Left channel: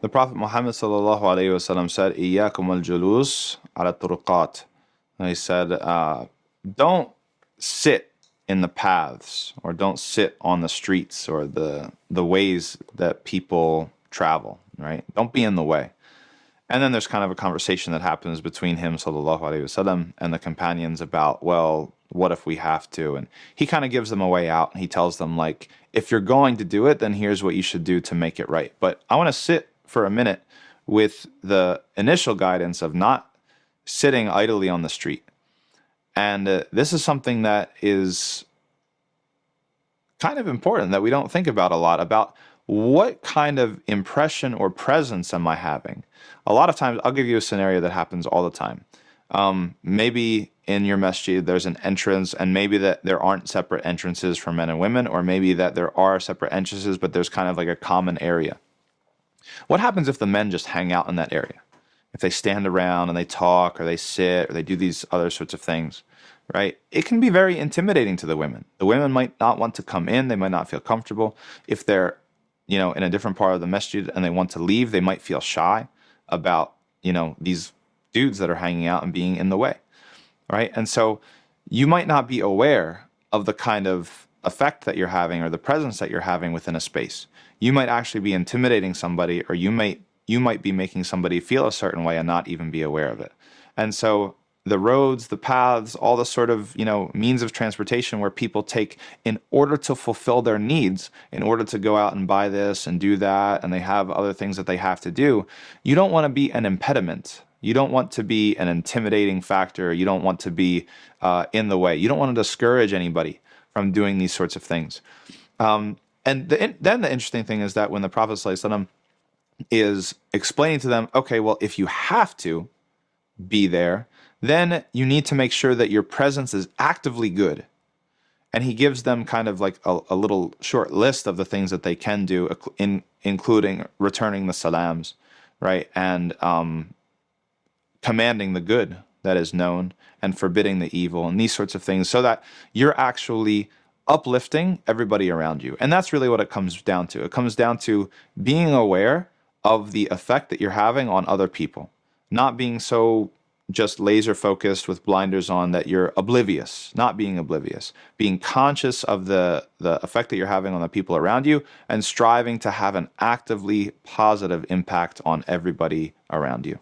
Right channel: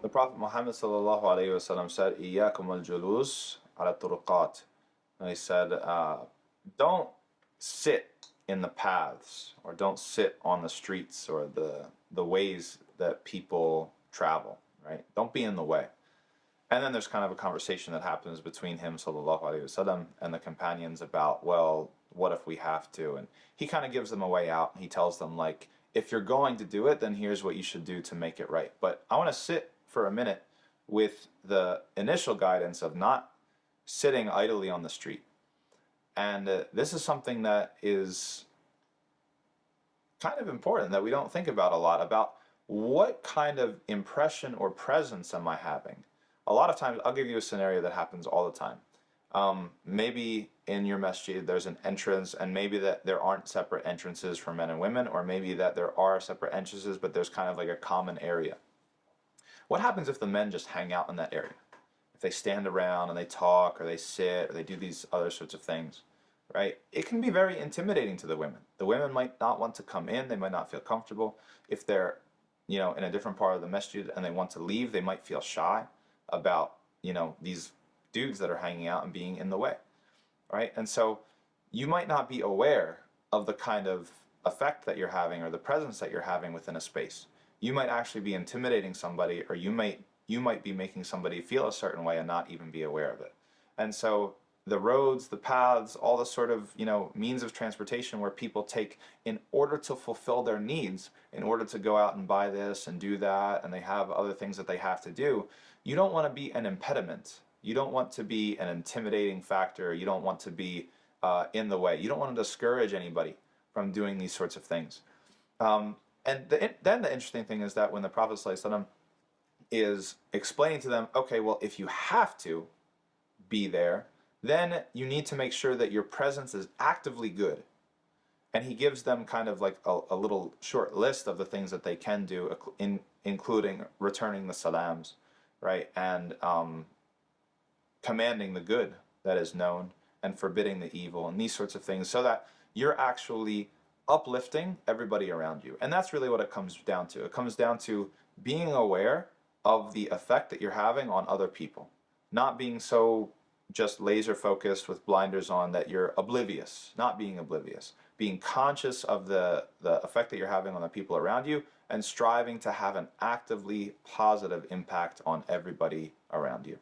The Prophet Muhammad sallallahu alaihi wasallam said, "Iyyakum al-julus ala turuqat." He said, "Don't sit in the paths, or don't sit on the streets or the ways that people travel. Right? Don't be in the way." And then there's kind of a conversation that happens between him, sallallahu alaihi wasallam, and the companions about, well, what if we have to? And he kind of gives them a way out, and he tells them, like, if you're going to do it, then here's what you should do to make it right. But I want to sit for a minute with the initial guidance of not sitting idly on the street. And this is something that is kind of important that we don't think about a lot, about what kind of impression or presence am I having? A lot of times, I'll give you a scenario that happens all the time. Maybe in your masjid there's an entrance, and maybe that there aren't separate entrances for men and women, or maybe that there are separate entrances, but there's kind of like a common area. What happens if the men just hang out in that area? If they stand around and they talk, or they sit, or they do these other sorts of things, right? It can be very intimidating to the women. The women might not want to come in, they might not feel comfortable. If they're, in a different part of the masjid and they want to leave, they might feel shy about, these dudes that are hanging out and being in the way, right? And so you might not be aware of the kind of effect that you're having, or the presence that you're having within a space. You might actually be intimidating somebody, or you might be making somebody feel a certain way and not even be aware of it. And so the roads, the paths, all the sort of, means of transportation where people take in order to fulfill their needs, in order to go out and buy this and do that, and they have other things that they have to do, you don't want to be an impediment. You don't want to be an intimidating factor. You don't want to be in the way. You don't want to discourage anybody from doing these sorts of things. And then the interesting thing is that when the Prophet ﷺ is explaining to them, okay, well, if you have to be there, then you need to make sure that your presence is actively good. And he gives them kind of like a little short list of the things that they can do, including returning the salams, right? And commanding the good that is known, and forbidding the evil, and these sorts of things, so that you're actually uplifting everybody around you. And that's really what it comes down to. It comes down to being aware of the effect that you're having on other people, not being so just laser focused with blinders on that you're oblivious, not being oblivious, being conscious of the effect that you're having on the people around you, and striving to have an actively positive impact on everybody around you.